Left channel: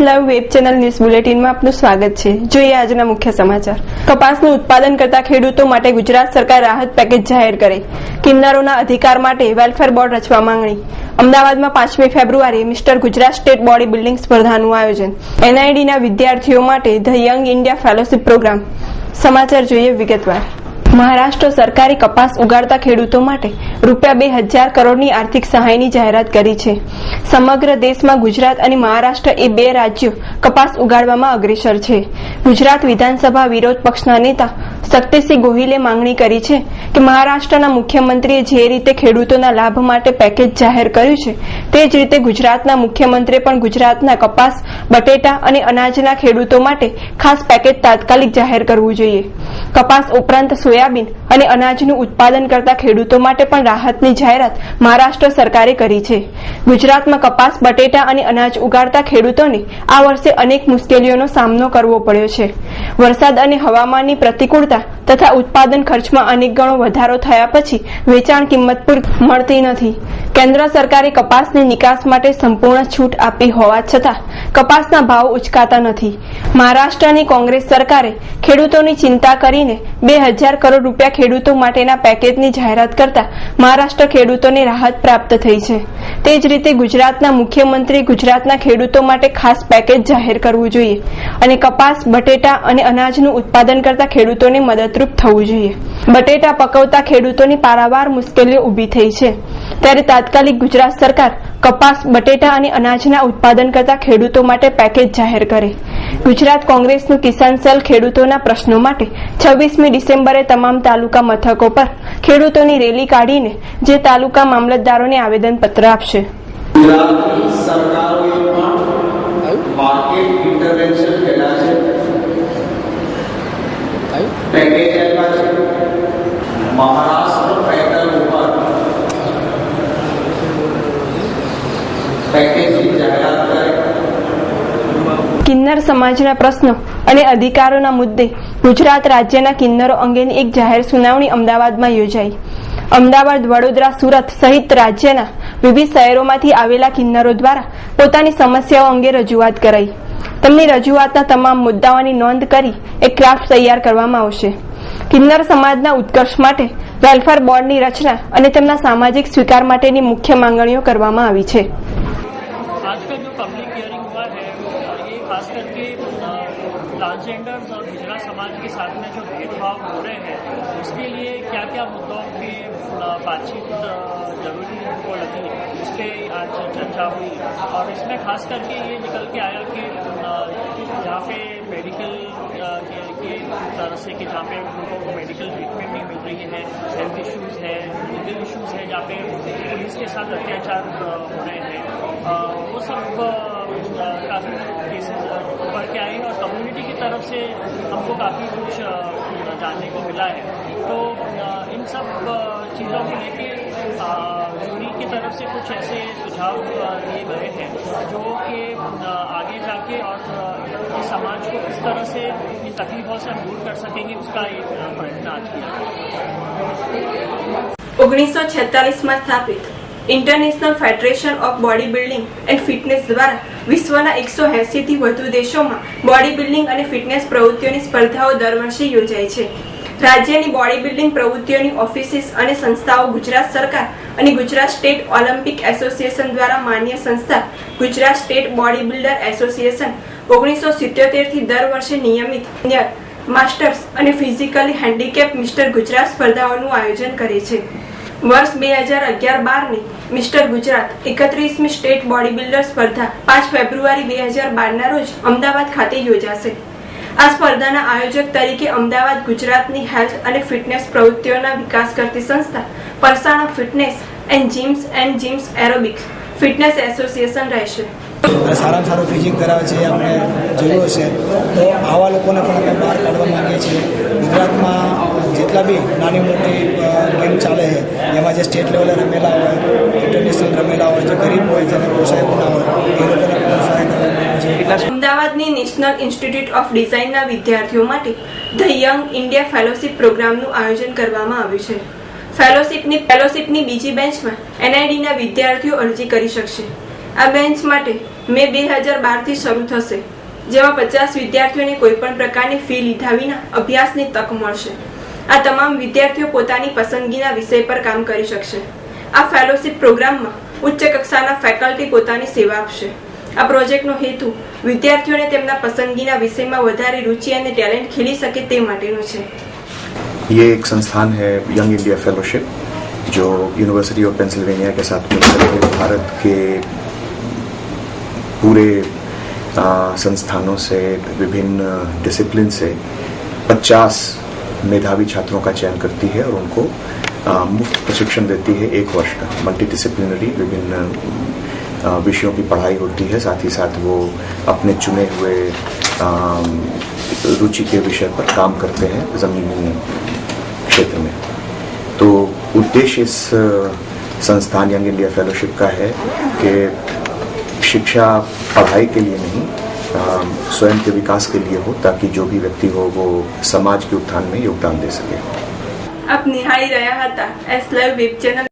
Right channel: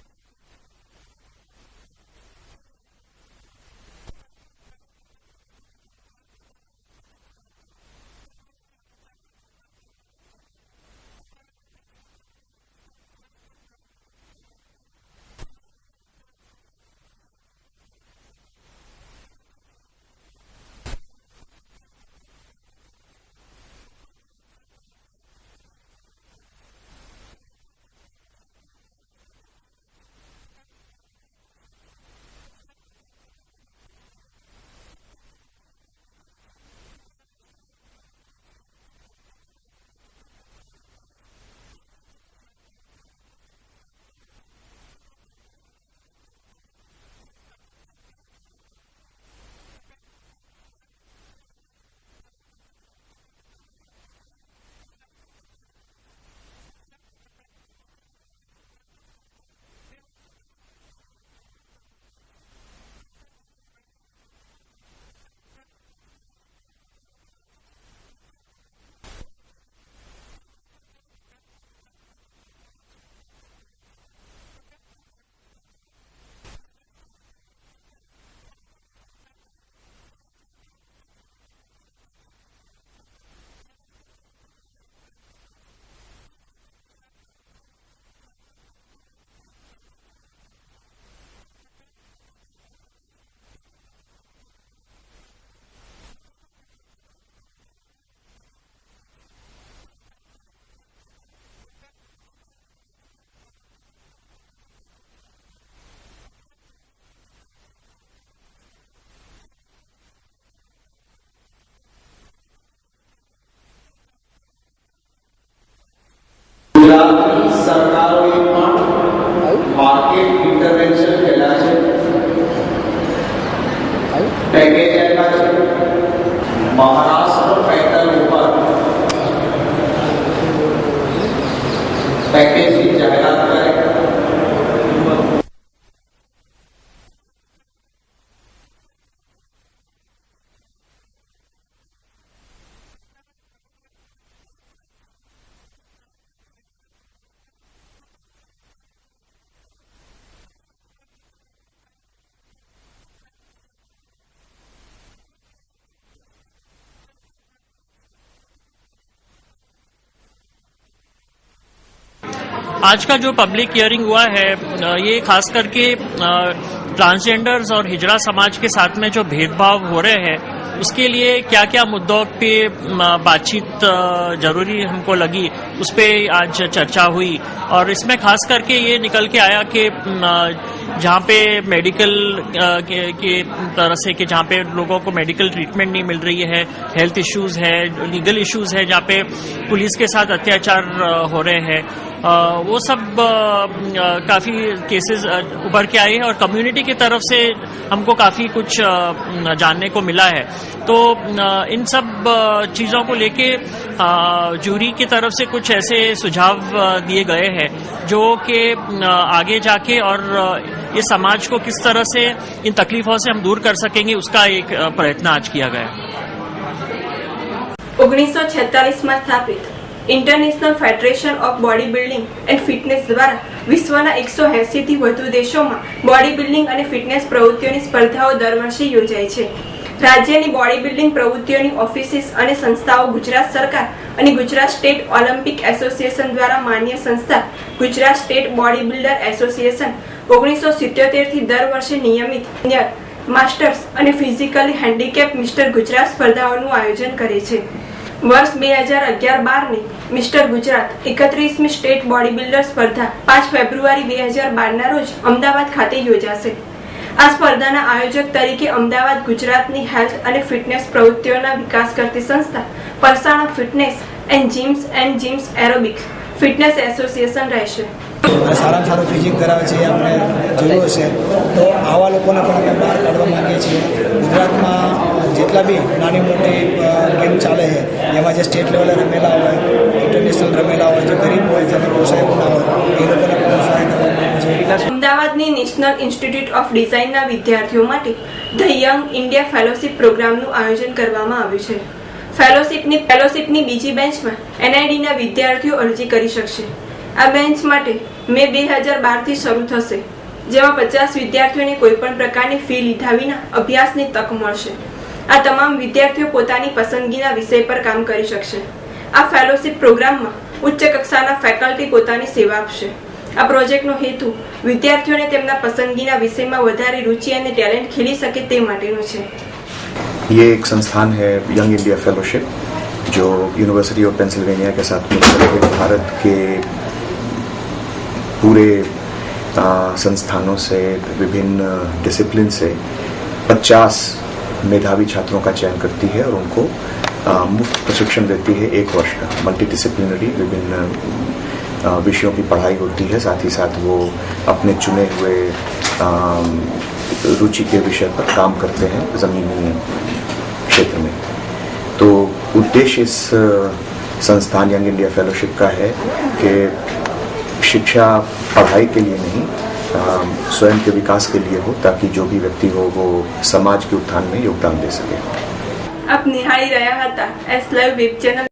Live web channel news બુલેટિનમાં આપનું સ્વાગત છે. જોઈએ આજના મુખ્ય સમાચાર. કપાસનું ઉત્પાદન કરતા ખેડૂતો માટે ગુજરાત સરકાર રાહત પેકેજ જાહેર કરે. કિન્નરોના અધિકાર માટે વેલફેર બોર્ડ રચવા માંગણી. અમદાવાદમાં પાંચમી ફેબ્રુઆરીએ mister Gujarat state body building સ્પર્ધાનું આયોજન. એનઆઈડીના વિદ્યાર્થીઓ માટે the young India fellowship programme. સમાચાર જોઈએ વિગતવાર. મહારાષ્ટ્ર સરકારે કપાસ ઉગાડતા ખેડૂતો માટે રૂપિયા બે હજાર કરોડની આર્થિક સહાયની જાહેરાત કરી છે. સમગ્ર દેશમાં ગુજરાત અને મહારાષ્ટ્ર એ બે રાજ્યો કપાસ ઉગાડવામાં અગ્રેસર છે. ગુજરાત વિધાનસભા વિરોધ પક્ષના નેતા શક્તિસિંહ ગોહિલે માંગણી કરી છે કે મહારાષ્ટ્રના મુખ્યમંત્રીએ જે રીતે ખેડૂતોના લાભ માટે પેકેજ જાહેર કર્યું છે, તે જ રીતે ગુજરાતના મુખ્યમંત્રીએ પણ ગુજરાતના કપાસ, બટેટા અને અનાજના ખેડૂતો માટે ખાસ પેકેજ તાત્કાલિક જાહેર કરવું જોઈએ. કપાસ ઉપરાંત સોયાબીન અને અનાજનું ઉત્પાદન કરતા ખેડૂતો માટે પણ રાહતની જાહેરાત મહારાષ્ટ્ર સરકારે કરી છે. ગુજરાતમાં કપાસ, બટેટા અને અનાજ ઉગાડતા ખેડૂતોને આ વર્ષે અનેક મુશ્કેલીઓનો સામનો કરવો પડ્યો છે. વરસાદ અને હવામાનની પ્રતિકૂળતા તથા ઉત્પાદન ખર્ચમાં અનેક ગણો વધારો થયા પછી વેચાણ કિંમત પર મળતી નથી. કેન્દ્ર સરકારે કપાસની નિકાસ માટે સંપૂર્ણ છૂટ આપી હોવા છતાં કપાસના ભાવ ઉચકાતા નથી. મહારાષ્ટ્રની કોંગ્રેસ સરકારે ખેડૂતોની ચિંતા કરીને બે હજાર કરોડ રૂપિયા ખેડૂતો માટેના પેકેજની જાહેરાત કરતા મહારાષ્ટ્ર ખેડૂતોને રાહત પ્રાપ્ત થઈ છે. તે જ રીતે ગુજરાતના મુખ્યમંત્રી ગુજરાતના ખેડૂતો માટે ખાસ પેકેજ જાહેર કરવું જોઈએ અને કપાસ, બટેટા અને અનાજનું ઉત્પાદન કરતા ખેડૂતોને મદદરૂપ થવું જોઈએ. બટેટા પકવતા ખેડૂતોની પારાવાર મુશ્કેલીઓ ઊભી થઈ છે. ત્યારે તાત્કાલિક ગુજરાત સરકાર કપાસ બટેટા અને અનાજના ઉત્પાદન કરતા ખેડૂતો માટે પેકેજ જાહેર કરે. ગુજરાત કોંગ્રેસનું કિસાન સેલ ખેડૂતોના પ્રશ્નો માટે છવ્વીસમી ડિસેમ્બરે તમામ તાલુકા મથકો પર ખેડૂતોની રેલી કાઢીને જે તાલુકા મામલતદારોને આવેદનપત્ર આપશે. ગુજરાતની સરકારોએ પણ માર્કેટ ઇન્ટરવેન્શન કર્યા છે. પેકેજ આપ્યા છે. મહારાષ્ટ્ર કિન્નર સમાજના પ્રશ્નો અને અધિકારોના મુદ્દે ગુજરાત રાજ્યના કિન્નરો અંગેની એક જાહેર સુનાવણી અમદાવાદમાં યોજાઈ. અમદાવાદ, વડોદરા, સુરત સહિત રાજ્યના વિવિધ શહેરોમાંથી આવેલા કિન્નરો દ્વારા પોતાની સમસ્યાઓ અંગે રજૂઆત કરાઈ. તેમની રજૂઆતના તમામ મુદ્દાઓની નોંધ કરી એક ક્રાફ્ટ તૈયાર કરવામાં આવશે. કિન્નર સમાજના ઉત્કર્ષ માટે વેલફેર બોર્ડની રચના અને તેમના સામાજિક સ્વીકાર માટેની મુખ્ય માંગણીઓ કરવામાં આવી છે. आज का जो पब्लिक हियरिंग हुआ है ये खास करके ट्रांसजेंडर्स और हिजड़ा समाज के साथ में जो भेदभाव हो रहे हैं उसके लिए क्या क्या मुद्दों पे बातचीत ज़रूरी हमको लगी उस पर आज चर्चा हुई। और इसमें खास करके ये निकल के आया कि जहाँ पे मेडिकल के, के तरह से कि जहाँ पे लोगों को मेडिकल ट्रीटमेंट नहीं मिल रही है हेल्थ इश्यूज़ है लीगल इश्यूज़ है जहाँ पे पुलिस के साथ अत्याचार हो रहे हैं। वो सब अ, अ, काफी केसेस अ, उभर के आए हैं और कम्युनिटी की तरफ से हमको काफी कुछ अ, जानने को मिला है तो अ, इन सब अ, चीजों को लेके अ, जूरी की तरफ से कुछ ऐसे सुझाव अ, दिए गए हैं जो कि अ, आगे जाके और अ, इस समाज को किस तरह से इन तकलीफों से हम दूर कर सकेंगे उसका एक अ, प्रयत्न आज किया गया है ઓગણીસો છેતાલીસમાં સ્થાપિત international federation of body building and fitness દ્વારા વિશ્વના એકસો એંસીથી વધુ દેશોમાં બોડી બિલ્ડિંગ અને ફિટનેસ પ્રવૃત્તિઓની સ્પર્ધાઓ દર વર્ષે યોજાય છે. રાજ્યની બોડી બિલ્ડિંગ પ્રવૃત્તિઓની ઓફિસીસ અને સંસ્થાઓ ગુજરાત સરકાર અને ગુજરાત સ્ટેટ ઓલિમ્પિક એસોસિએશન દ્વારા માન્ય સંસ્થા Gujarat state body builder association ઓગણીસો સિત્યોતેરથી દર વર્ષે નિયમિત માસ્ટર્સ અને ફિઝિકલી હેન્ડીકેપ મિસ્ટર ગુજરાત સ્પર્ધાઓનું આયોજન કરે છે. વર્ષ બે હજાર અગિયાર બારની મિસ્ટર ગુજરાત એકત્રીસમી સ્ટેટ બોડી બિલ્ડર સ્પર્ધા પાંચ ફેબ્રુઆરી બે હજાર બારના રોજ અમદાવાદ ખાતે યોજાશે. આ સ્પર્ધાના આયોજક તરીકે અમદાવાદ ગુજરાતની હેલ્થ અને ફિટનેસ પ્રવૃત્તિઓના વિકાસ કરતી સંસ્થા Parsana fitness and gyms and gyms aerobics fitness association રહેશે. સારામાં સારું ફિઝિક કરાવે છે અમને જોયું હશે. તો આવા લોકોને પણ અમે બહાર કાઢવા માંગીએ છીએ. ગુજરાતમાં જેટલા બી નાની મોટી ગેમ ચાલે છે, એમાં જે સ્ટેટ લેવલે રમેલા હોય, ઇન્ટરનેશનલ રમેલા હોય, જે ગરીબ હોય, જેને પોસાય ના હોય, એ લોકોને પણ સહાય કરવા અમદાવાદની નેશનલ ઇન્સ્ટિટ્યૂટ ઓફ ડિઝાઇનના વિદ્યાર્થીઓ માટે ધ યંગ ઇન્ડિયા ફેલોશિપ પ્રોગ્રામનું આયોજન કરવામાં આવ્યું છે. ફેલોશિપની ફેલોશિપની બીજી બેન્ચમાં એનઆઈડીના વિદ્યાર્થીઓ અરજી કરી શકશે. આ બેન્ચ માટે મે બે હજાર બારથી શરૂ થશે જેમાં પચાસ વિદ્યાર્થીઓને કોઈપણ પ્રકારની ફી લીધા વિના અભ્યાસની તક મળશે આ તમામ વિદ્યાર્થીઓ પોતાની પસંદગીના વિષય પર કામ કરી શકશે આ ફેલોશિપ પ્રોગ્રામમાં ઉચ્ચ કક્ષાના ફેકલ્ટી પોતાની સેવા આપશે આ પ્રોજેક્ટનો હેતુ વિદ્યાર્થીઓને તેમના પસંદગીના વિષયમાં વધારે રુચિ અને ટેલેન્ટ ખીલી શકે તે માટેનો છે ये एक संस्थान है यंग इंडिया फेलोशिप जो यूनिवर्सिटी ऑफ पेंसिल्वेनिया के साथ मिलकर के भारत के पूरे संस्थानों से, विभिन्न डिसिप्लिन से 50 मेधावी छात्रों का चयन करती है और उनको मुफ़्त प्रशिक्षण देती है एक वर्ष का। मल्टी डिसिप्लिनरी विभिन्न विषयों की पढ़ाई होती है। साथ ही साथ वो अपने चुने हुए रुचि के विषय पर काम करते हैं जमीनी क्षेत्र में। तो उद्देश्य इस संस्थान यंग इंडिया फेलोशिप का है कि शिक्षा पढ़ाई के लिए नहीं स्वयं के विकास के लिए हो, ताकि जो भी व्यक्ति हो, वो समाज के उत्थान में योगदान दे सके। अपनी हाई रहा था, एस लाइव वेब चैनल।